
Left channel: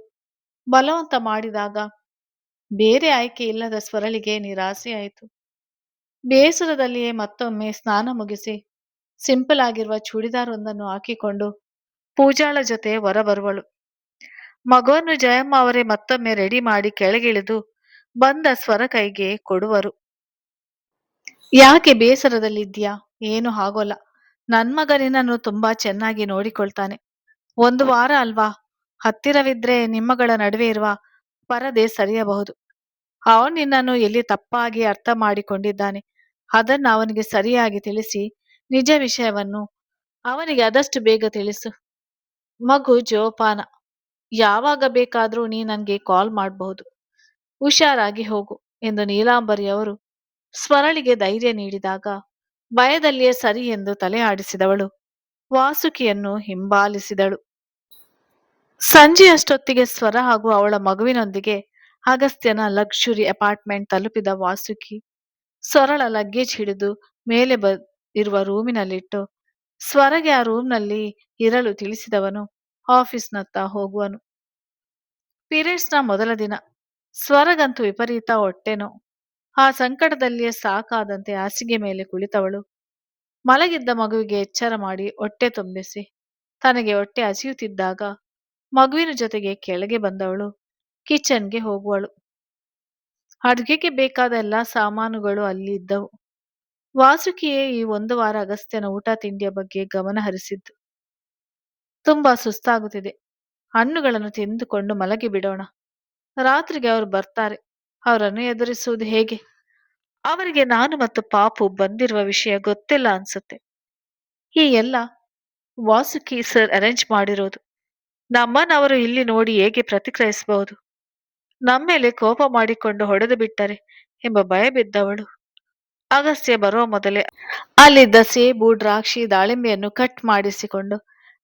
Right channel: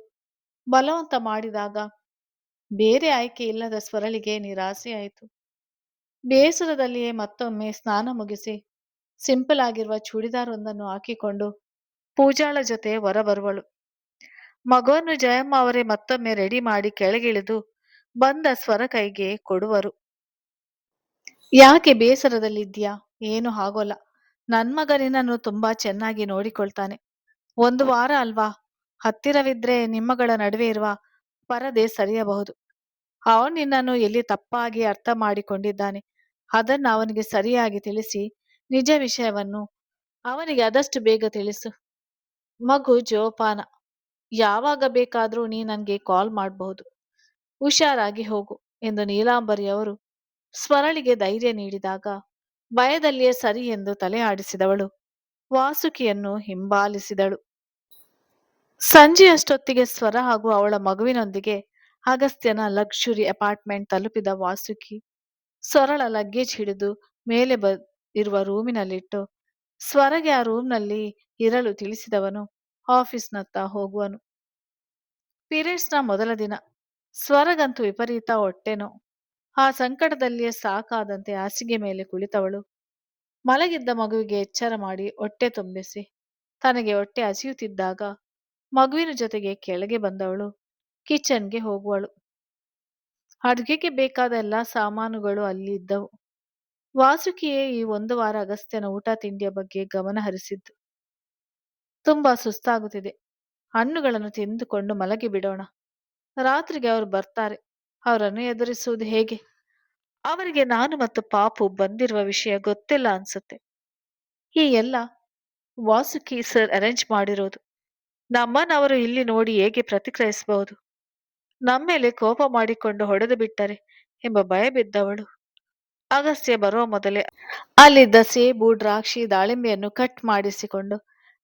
ಬಲವಂತ ಮಾಡಿದಾಗ ಬೇರೆ ಆಯ್ಕೆ ಇಲ್ಲದ ಸ್ವರಳಿಗೆ ನಿರಾಸೆಯಾಯಿತು. ಬೇಸರದಲ್ಲಿಯೇ ಮತ್ತೊಮ್ಮೆ ಸ್ನಾನ ಮುಗಿಸಿ ಸಿಂಪಲ್ ಆಗಿರುವ ಚೂಡಿದಾರ್ ಒಂದನ್ನು ಹಾಕಿಕೊಂಡು ಪೂಜಾಳ ಜೊತೆ ಹೊರಬರುವಳು. ಮಗುವನ್ನು ಜಯಮ್ಮ ಅವರೇ ಮತ್ತೊಮ್ಮೆ ರೆಡಿ ಮಾಡಿ ಕೆಳಗಿಳಿದು ಬಂದ ಸ್ವರ ಕೈಗೆ ಕೊಡುವರು. ಯಾಕೆ ಬೇಸರದಲ್ಲಿದ್ದೀಯಾ? ಏನು ಆಗೋಲ್ಲ. ನನ್ ಮಗ ನಿನ್ನನ್ನು ತುಂಬಾ ಚೆನ್ನಾಗಿ ನೋಡಿಕೊಳ್ತಾನೆ. ಒಂದು ವಾರ ಅಲ್ವಾ? ಹತ್ತಿರವಿದ್ರೆ ನಿಮ್ಮಗಳ ನಡುವೆ ಇರುವ ಪರದೆ ಸರಿಯಬಹುದು. ಅವನು ನಿನ್ನನ್ನು ಎಲ್ಲಿ ತಪ್ಪಾಗಿ ಅರ್ಥ ಮಾಡಿಕೊಂಡಿದ್ದಾನೆ ಅದನ್ನು ಅವನಿಗೆ ಸರಿಯಾಗಿ ತಿಳಿಸಿ ನಿಜ ವಿಷಯವನ್ನು ಅವನಿಗೆ ಆದಷ್ಟು ಬೇಗ ತಿಳಿಸು. ಮಗು ಜೋಪಾನ. ಯಾವಾಗ ಬೇಕಾದ್ರೂ ನೀ ನನ್ಗೆ ಕಾಲ್ ಮಾಡಬಹುದು. ಹುಷಾರಾಗಿ ಹೋಗು ಎಂದು ನೀಲಾಂಬರಿಯವರು ಸ್ವರಳಿಗೆ ಧೈರ್ಯ ನೀಡಿದಾಗ ಭಯದಲ್ಲಿಯೇ ಸರಿ ಎಂದು ತಲೆ ಆಡಿಸಿದವಳು ವಾಸುಕಿಯನ್ನು ಹಿಂಬಾಲಿಸಿದಳು. ಸಂಜೆಯಷ್ಟೊತ್ತಿಗೆ ಸ್ವರ ಹಾಗೂ ಅವಳ ಮಗುವಿನೊಂದಿಗೆ ಅಗಸ್ತ್ಯನ ಲಕ್ಸುರಿ ಅಪಾರ್ಟ್ಮೆಂಟ್ ತಲುಪಿದ ವಾಸುಕಿ ಸ್ವರಳ ಲಗೇಜ್ ಹಿಡಿದು ಮೇಲೆ ಇರುವ ರೂಮಿನಲ್ಲಿಟ್ಟು ಸ್ವರಗೆ ಆ ರೂಮ್ನಲ್ಲಿ ಇರಲು ತಿಳಿಸಿದವನು ಆಫೀಸ್ನತ್ತ ಹೋಗುವನು. ಪೀರಿಯಡ್ಸ್ನ ಮೊದಲ ದಿನ. ಸ್ವರಗಂತೂ ವಿಪರೀತ ಹೊಟ್ಟೆನೋ. ಆ ಸಂಕಟದಲ್ಲಿಯೇ ಸಾಕಾದಂತೆ ಹಾಸಿಗೆ ಮೇಲೆ ಕುಳಿತವಳು ಮಲಗಿದ್ದ ಮಗುವಿಗೆ ಎಚ್ಚರ ಮಾಡಿ ಹೊಟ್ಟೆ ತುಂಬಿಸಿ ತನಗೆ ಹೊಟ್ಟೆ ಹಸಿಯುತ್ತಿದ್ದಾಗ ಮಗುವಿನ ಜೊತೆಗೆ ಕೆಳಗೆ ಬಂದವಳು ಕಿಚನ್ಗೆ ಹೋಗುವಳು. ಅಡುಗೆಗೆ ಬೇಕಾದ ಎಲ್ಲಾ ಸಾಮಾನುಗಳು ಅಲ್ಲಿ ಇದ್ದವು. ವಾಸುಕಿಯೇ ಈ ಒಂದು ವಾರ ಅಗಸ್ತ್ಯನ ಊಟ ತಿಂಡಿಯ ಬಗ್ಗೆ ಗಮನ ಹರಿಸಿದ್ದು. ತುಂಬಾ ಸುಸ್ತಾಗುತ್ತಿದೆ. ಹಣ್ಣುಗಳನ್ನು ತಿಂದುಕೊಂಡು ಮಲಗಿ ಬಿಡೋಣ. ರಾತ್ರಿಗೆ ಅವರು ಬರ್ತಾರೆ. ಅವರನ್ನು ಎದುರಿಸುವುದು ಹೇಗೆ? ಅವರಿಗೆ ನಾನು ಮತ್ತು ಪಾಪು ಬಂದಿರುವ ವಿಷಯ ಗೊತ್ತಿಲ್ಲ ಅನ್ಸುತ್ತೆ. ಈ ಎಲ್ಲ ವಾಸುಕಿ ಸರ್ ಅರೇಂಜ್ ಮಾಡಿರೋದು. ನಮ್ಮನ್ನು ಅವರು ಇಲ್ಲಿ ನೋಡಿ ಹೇಗೆ ಪ್ರತಿಕ್ರಿಯಿಸಬಹುದು? ನಮ್ಮೇಲೆ ಕೋಪ ಮಾಡಿಕೊಂಡು ಹೊಡೆದು ಬಿಟ್ಟರೆ ಎಂಬ ಭಯ ಬಿದ್ದವಳು ಅಗಸ್ತ್ಯ ಬರುವ ಮೊದಲೇ ಅಲ್ಲಿದ್ದ ಸೇಬು, ದ್ರಾಕ್ಷಿ, ದಾಳಿಂಬೆಯನ್ನು ಕಟ್ ಮಾಡಿಸಿಕೊಂಡು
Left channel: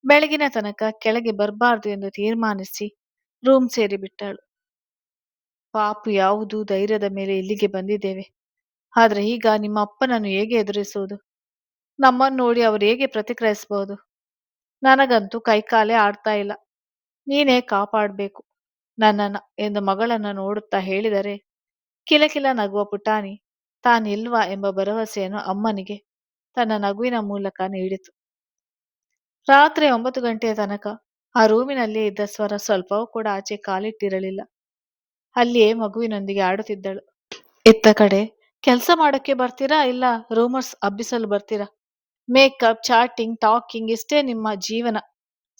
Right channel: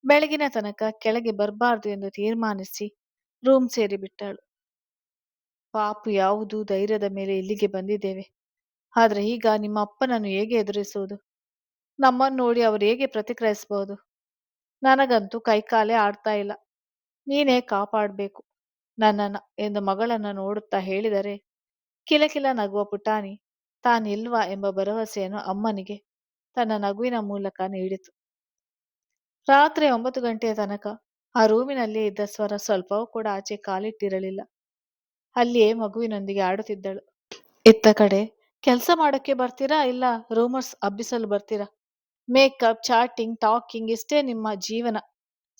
ಬೆಳಗಿನ ತನಕ ಕೆಳಗೆ ಬರಬಾರ್ದು ಎಂದು ತೀರ್ಮಾನಿಸಿ ರೂಮ್ ಸೇರಿಬಿಟ್ಟಳು. ಪಾಪು ಯಾವುದು ಧೈರ್ಯದ ಮೇಲೆ ಇಲ್ಲಿಗೆ ಬಂದಿದ್ದೇವೆ. ಆದ್ರೆ ಈಗ ನಿಮ್ಮ ಅಪ್ಪನನ್ನು ಹೇಗೆ ಎದುರಿಸುವುದು? ನಮ್ಮನ್ನು ನೋಡಿ ಅವರು ಹೇಗೆ ಪ್ರತಿಕ್ರಿಯಿಸಬಹುದು? ನನಗಂತೂ ಕೈಕಾಲೇ ಆಡ್ತಾ ಇಲ್ಲ. ನೀನೇ ಕಾಪಾಡಬೇಕು ನನ್ನನ್ನ ಎಂದು ಮಗಳನ್ನ ನೋಡುತ್ತಾ ಹೇಳಿದರೆ ಕಿಲಕಿಲ ನಗುವ ಪುಟಾಣಿ ತಾನಿಲ್ವಾ ಎಂಬ ಭರವಸೆಯನ್ನು ಅಮ್ಮನಿಗೆ ತನ್ನ ನಗುವಿನ ಮೂಲಕ ನೀಡಿತು. ರಾತ್ರಿ 9 ಗಂಟೆಯ ತನಕ ಆ ರೂಮಿನಲ್ಲೇ ಇದ್ದ ಸ್ವರ ಸ್ವಲ್ಪವೂ ಕೂಡ ಆಚೆ ಕಾಲಿಟ್ಟಿರಲಿಲ್ಲ. ಅಲ್ಲಿಯೇ ಮಗುವಿನೊಂದಿಗೆ ಆಡುತ್ತಿದ್ದಳು. ಇತ್ತ ಕಡೆ ಕೆಲಸ ಮಾಡೋಕ್ಕೆ ಬರ್ತೀರಾ ಇಲ್ಲ ರೂಮರ್ಸ್ ಹಬ್ಬಿಸಲು ಬರ್ತೀರಾ? ಮೇಕಪ್, ಚಾಟಿಂಗ್, ಟಾಕಿಂಗ್ ಇಷ್ಟೇ ನಿಮ್ಮ ಜೀವನ.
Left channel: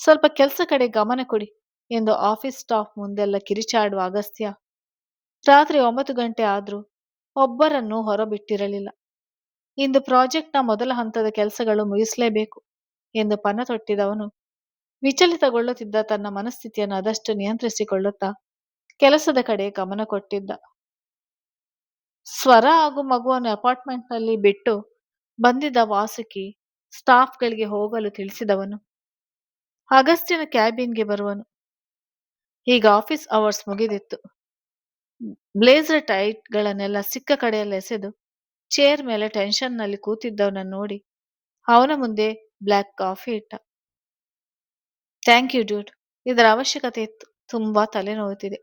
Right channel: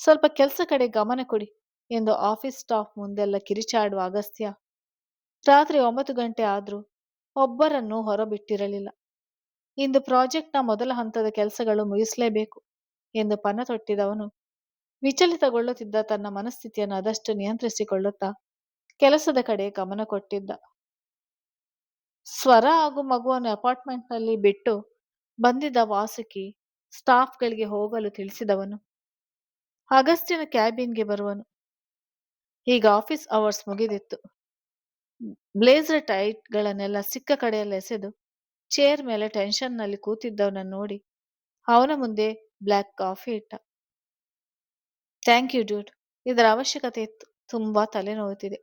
ಸ್ವಲ್ಪ ಕೆಲಸ ಕಡೆ ಗಮನ ಕೊಡಿ ಎಂದು ಆಫೀಸ್ ಸ್ಟಾಫ್ ಮುಂದೆಲ್ಲ ಕಿರಿಚಾಡುವ ಅಗಸ್ತ್ಯ ರಾತ್ರಿ 9 ಗಂಟೆ ಆದ್ರೂ ಒಬ್ಬರನ್ನೂ ಹೊರಬಿಟ್ಟಿರಲಿಲ್ಲ. ಇಂದು ಪ್ರಾಜೆಕ್ಟ್‌ನ ಮೊದಲ ಹಂತದ ಕೆಲಸಗಳು ಮುಗಿಸಲೇಬೇಕು ಎಂದು ಪಣ ತೊಟ್ಟಿದ್ದವನು ವಿಚಲಿತಗೊಳ್ಳುತ್ತಿದ್ದ ತನ್ನ ಮನಸ್ಥಿತಿಯನ್ನು ಆದಷ್ಟು ನಿಯಂತ್ರಿಸಿಕೊಳ್ಳುತ್ತಾ ಕೆಲಸದ ಕಡೆ ಗಮನ ಕೊಟ್ಟಿದ್ದ. ಸ್ವರ ಹಾಗೂ ಮಗುವನ್ನು ಅಪಾರ್ಟ್ಮೆಂಟ್‌ನಲ್ಲಿ ಬಿಟ್ಟು ಬಂದಿದ್ದ ವಾಸುಕಿ ಸ್ಟಾಫ್‌ಗಳಿಗೆ ಹೋಗಲು ತಿಳಿಸಿದವನು ಅಗಸ್ತ್ಯನ ಕ್ಯಾಬಿನ್‌ಗೆ ಬರುವನು. ಈಗ ಆಫೀಸ್ ಅವರ್ಸ್ ಮುಗಿದಿತ್ತು. ಬ್ಲೇಸರ್ ಟೈಟ್‌ಗಳನ್ನೆಲ್ಲ ಸಿಕ್ಕ ಕಡೆಯಲ್ಲಿ ಎಸೆದು ಚೇರ್ ಮೇಲೆ ಟೆನ್ಷನ್‌ನಲ್ಲಿ ಕೂತಿದ್ದವನನ್ನು ನೋಡಿ ಅವನ ಮುಂದೆ ಬ್ಲ್ಯಾಕ್ ಕಾಫಿ ಇಟ್ಟ. Thank you dude. ಇದರ ಅವಶ್ಯಕತೆ ಇತ್ತು. ತುಂಬಾ ತಲೆನೋವುತ್ತಿದೆ.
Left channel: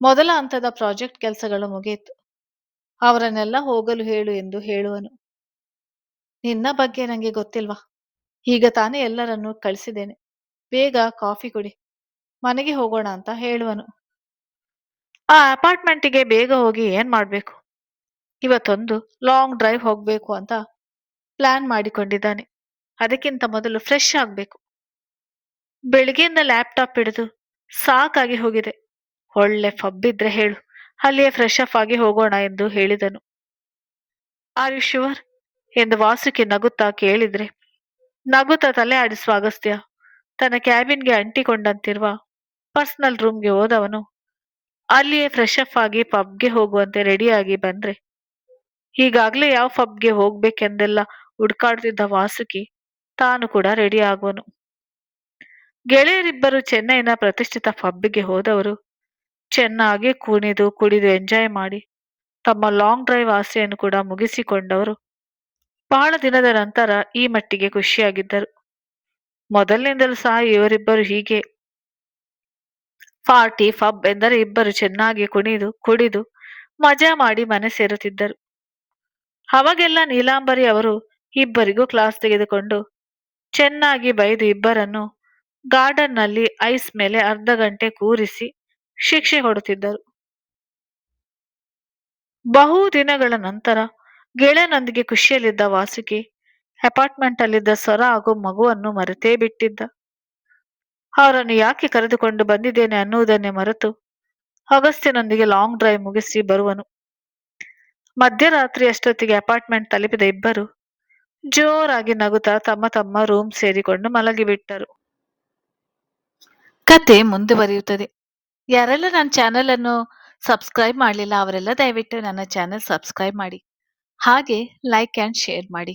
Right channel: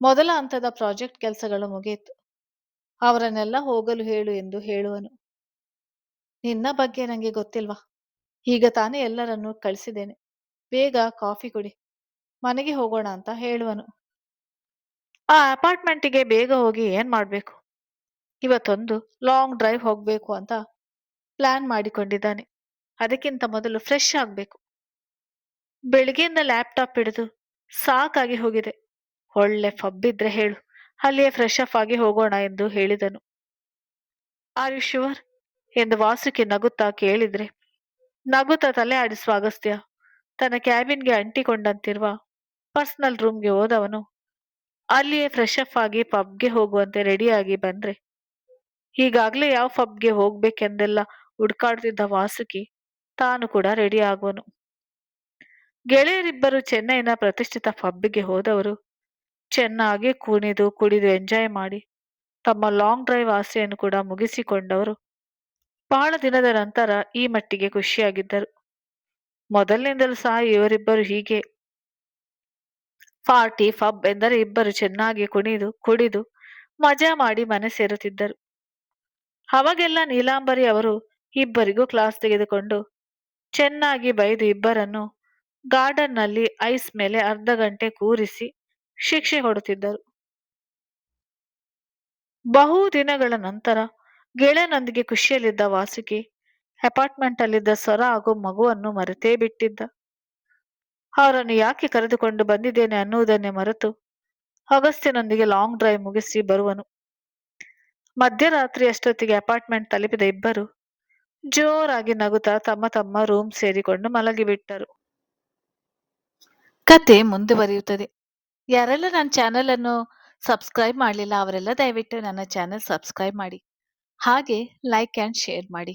ಮೊದಲ ಹಂತದ ಪ್ರಾಜೆಕ್ಟ್ ಕೆಲಸಗಳು ಮುಗಿಯಿತು. ಅವರನ್ನೆಲ್ಲ ಹೋಗಲು ಹೇಳು ಎಂದು ಹೇಳುವನು. ನಿನ್ನ ಬಗ್ಗೆ ನನಗೆ ಗೊತ್ತಿಲ್ವಾ? ಈಗ ತಾನೇ ಎಲ್ಲರನ್ನೂ ಕಳಿಸಿದ್ದೇನೆ. ಬೇಗ ಕಾಫಿ ಕುಡಿ. ಮನೆಗೆ ಹೋಗೋಣ ಅಂತ ಹೇಳುವನು. ಆ ಅಪಾರ್ಟ್ಮೆಂಟಿಗೆ ಬೇಗ ಹೋಗಿ ಏನ್ ಮಾಡ್ಬೇಕು? ಇವತ್ತೊಂದು ಲಾಂಗ್ ಡ್ರೈವ್ ಹೋಗ್ಬೇಕು ಅಂತ ಪ್ಲಾನ್ ಮಾಡಿಕೊಂಡಿದ್ದಾನೆ. ಅದಕ್ಕಿಂತ ಮೊದಲು ಫ್ರೆಶ್ ಆಗ್ಬೇಕು. ಬೆಳಿಗ್ಗೆಯಿಂದ ಲ್ಯಾಪ್ಟಾಪ್ ಹಿಡಿದು ಸಾಕಾಗಿ ಹೋಗಿದೆ. ಒಳ್ಳೆ ಪಬ್ ಇದ್ರೆ ಹೇಳು, ಅಲ್ಲಿಯೇ ಫ್ರೆಶ್ ಅಪ್ ಆಗಿ ಹೋಗೋಣ ಎಂದು ಹೇಳಿದನು. ಆರ್ ಯು ಶ್ಯೂರ್ ಎಂದು ವಾಸುಕಿ ನಗುತ್ತಾ ಕೇಳಿದ್ರೆ ನಗುತ್ತಾ ತಲೆ ಆಡಿಸುವ ಅಗಸ್ತ್ಯ ತನ್ನ ಕ್ಯಾಬಿನ್ಗೆ ಅಂಟಿಕೊಂಡಂತಿರುವ ಪರ್ಸನಲ್ ರೂಮ್ಗೆ ಹೋದವನು ಅಲ್ಲಿಯೇ ಫ್ರೆಶ್ ಅಪ್ ಆಗಿ ಪಬ್ಗೆ ಹೋಗುವಂತೆ ರೆಡಿಯಾಗಿ ಬಂದ್ರೆ ಈಗಾಗಲೇ ಯಾವ ಪಬ್ಗೆ ಹೋಗ್ಬೇಕೆಂದೆಲ್ಲ ಹುಡ್ಕಾಡ್ತಿದ್ದ ವಾಸುಕಿ ತಾನು ಕೂಡ ರೆಡಿ ಆಗುವನು. ಗೆಳೆಯರಿಬ್ಬರು ಚೆನ್ನೈನ ಪ್ರತಿಷ್ಠಿತ ಪಬ್ಗೆ ಹೋದವರು ಚೆನ್ನಾಗಿ ಕುಡಿದು ಎಂಜಾಯ್ ಮಾಡಿ ತಮ್ಮ ಲಾಂಗ್ ಡ್ರೈವ್ ಆಸೆಯನ್ನು ಕೂಡ ಮುಗಿಸಿಕೊಂಡವರು ಬಹಳ ದಿನದ ನಂತರ ಈ ಮಟ್ಟಿಗೆ ಖುಷಿಯಾಗಿದ್ದರು. ಮೊದಲಿನಿಂದಲೂ ಸಹ ಇವರಿಬ್ಬರು ಹೀಗೆ ಪಾರ್ಟಿ ಪಬ್ ಎಂದರೆ ಇಬ್ಬರು ಚೆನ್ನಾಗಿ ಕುಡಿದು ಮಜಾ ಮಾಡಿ ಮನೆ ಸೇರುತ್ತಿದ್ದರು. ಅವಾಗೆಲ್ಲ ನೀಲಾಂಬರಿ ಅವರು ಇಬ್ಬರಿಗೂ ಕ್ಲಾಸ್ ತೆಗೆದುಕೊಂಡು ಚೆನ್ನಾಗಿ ಬೈದು ಇಬ್ಬರನ್ನು ಗಾರ್ಡನ್ನಲ್ಲಿ ಐಸ್ ಮೇಲೆ ಅರ್ಧ ಗಂಟೆ ಕೂರಿಸಿ ಶಿಕ್ಷೆ ಕೊಡುತ್ತಿದ್ದರು. ಬಹು ದಿನಗಳ ನಂತರ ಗೆಳೆಯನೊಂದಿಗೆ ಖುಷಿಯಲ್ಲಿದ್ದ ವಾಸುಕಿ ಅಪಾರ್ಟ್ಮೆಂಟ್ ಅಲ್ಲಿದ್ದ ಸ್ವರ ಹಾಗೂ ಮಗುವನ್ನು ಮರೆತೇ ಬಿಟ್ಟಿದ್ದ. ಅವರನ್ನು ಯಾಕೆ ಕರೆದುಕೊಂಡು ಬಂದಿದ್ದೇನೆ ಅನ್ನುವುದನ್ನೇ ಮರೆತು ಅಗಸ್ತ್ಯನೊಂದಿಗೆ ಲಾಂಗ್ ಡ್ರೈವ್ ಮುಗಿಸಿ ಬರುವನು. ಮಧ್ಯರಾತ್ರಿ ಅಷ್ಟೊತ್ತಿಗೆ ಅಪಾರ್ಟ್ಮೆಂಟ್ ತಲುಪಿದ ಇಬ್ಬರು ಜೋರಾಗಿ ನಗುತ್ತಾ ತಮ್ಮ ತಮ್ಮ ರೂಮ್ ಸೇರಿಕೊಂಡು ಮಲಗಿಬಿಟ್ಟರು. ಕತೆ ಮುಂದುವರಿಯುತ್ತದೆ. ಯಾರೆಲ್ಲ ನನ್ನ ಚಾನೆಲ್ ಅನ್ನು ಸಬ್ಸ್ಕ್ರೈಬ್ ಮಾಡಲಿಲ್ಲ ಅವರೆಲ್ಲ ದಯವಿಟ್ಟು ನನ್ನ ಚಾನೆಲ್ ಸಬ್ಸ್ಕ್ರೈಬ್ ಮಾಡಿ. ಹಾಗೆ ಲೈಕ್ ಆ್ಯಂಡ್ ಶೇರ್ ಮಾಡಿ.